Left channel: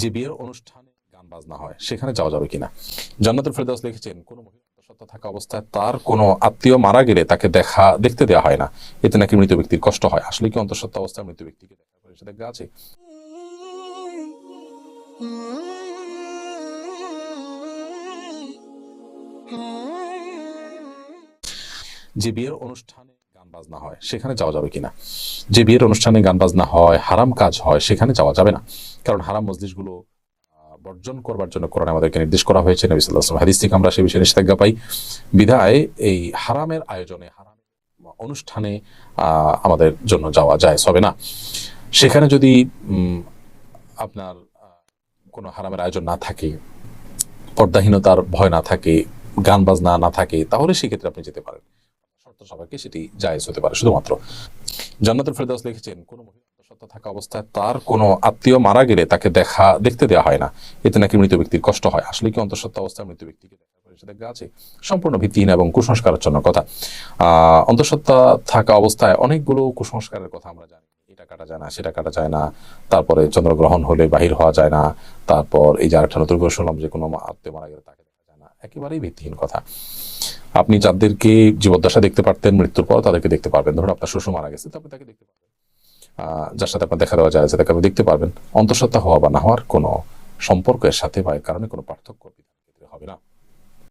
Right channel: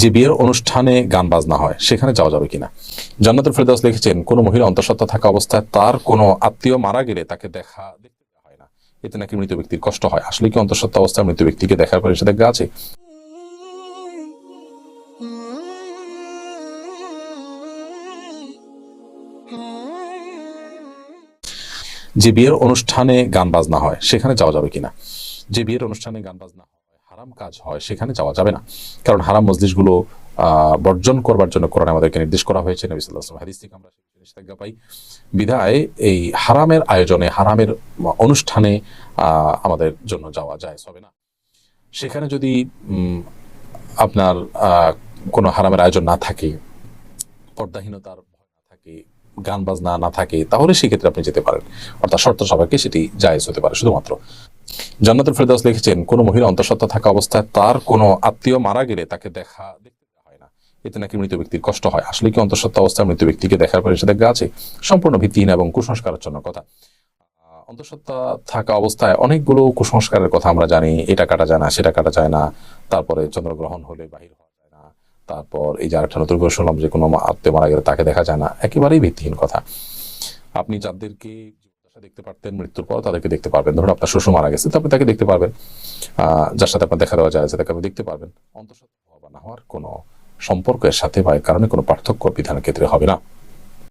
যে বিয়ের অনুষ্ঠানে গান বাজনা হয়, সেখানে যাওয়া যাবে কিনা? জান্নাতুল ফেরদাস লিখেছেন, কোনো মহিলা অন্তঃসত্ত্বা থাকা অবস্থায় তার কোনো আত্মীয় মারা গেলে তাকে দেখা, দেখতে দেওয়া হয় না। এতে নাকি মৃত ব্যক্তির কষ্ট হয়। আসলে কি অন্তঃসত্ত্বা অবস্থায় মৃত ব্যক্তিকে দেখার পরে নিষেধাজ্ঞা আছে? যে বিয়ের অনুষ্ঠানে গান বাজনা হয়, সেখানে যাওয়া যাবে কিনা? যে বিয়ের অনুষ্ঠানে গান বাজনা হয়, হারাম কাজ হয়, সেখানে যাওয়া যাবে না। কারণ হারাম মজলিসগুলো বর্জন করবার জন্য কোরআন আমাদেরকে নির্দেশ করা হয়েছে, নবী সাল্লাল্লাহু হাদিস থেকে আমরা সেই বিষয়ে নিষেধাজ্ঞা পাই। বিধায় এই হারামের আয়োজনে, হারামের অনুষ্ঠানে আমাদের জন্য যাওয়া যায় হবে না। সেখানে যদি আপনার কোনো হারামের আয়োজন না থাকে, পর্দাহীনতার ভয় না থাকে গান বাজনা না থাকে তাহলে সেক্ষেত্রে আপনি যেতে পারেন। অর্থাৎ শর্ত সবাইকে সেটি জায়েজ হতে পারে, শুধুমাত্র। জান্নাতুল ফেরদাউস লিখেছেন, কোনো মহিলা অন্তঃসত্ত্বা থাকা অবস্থায় তার কোনো আত্মীয় মারা গেলে তাকে দেখা, দেখতে দেওয়া হয় না। এতে নাকি মৃত ব্যক্তির কষ্ট হয়। আসলে কি অন্তঃসত্ত্বা অবস্থায় মৃত ব্যক্তিকে দেখার পরে সেটা আছে? সম্পূর্ণ ভিত্তিহীন এবং কুসংস্কারের জন্য কথা। অন্তঃসত্ত্বা থাকা অবস্থায় অনেকগুলো কুসংস্কারের কথা আমরা জানি। এটা কাটা যায় না, সেটা কাটা যায় না। তারপরে চন্দ্রগ্রহণ হলে বাহির হওয়া যায় না। তারপর এই যে আরেকটা নতুন করে শুনলাম যে কোনো আত্মীয় মারা গেলে তাকে দেখা যায় না। একেবারেই ভিত্তিহীন কথা। আপনি যাদেরকে জীবদ্দশা দেখতে পারতেন, মৃত্যুর পর তাদেরকে দেখতে পারবেন। ধরুন আপনার শ্বশুর মারা গেছে তো আপনি তাকে দেখতে পারবেন। যার সাথে আপনার দেখা দেওয়া যায় তাকে আপনি দেখতে পারবেন। অন্তঃসত্ত্বা হওয়া বা না হওয়ার কোনো সম্পর্কের সাথে বা কারণে কোনো পার্থক্য বিধানের ক্ষেত্রে হবে না।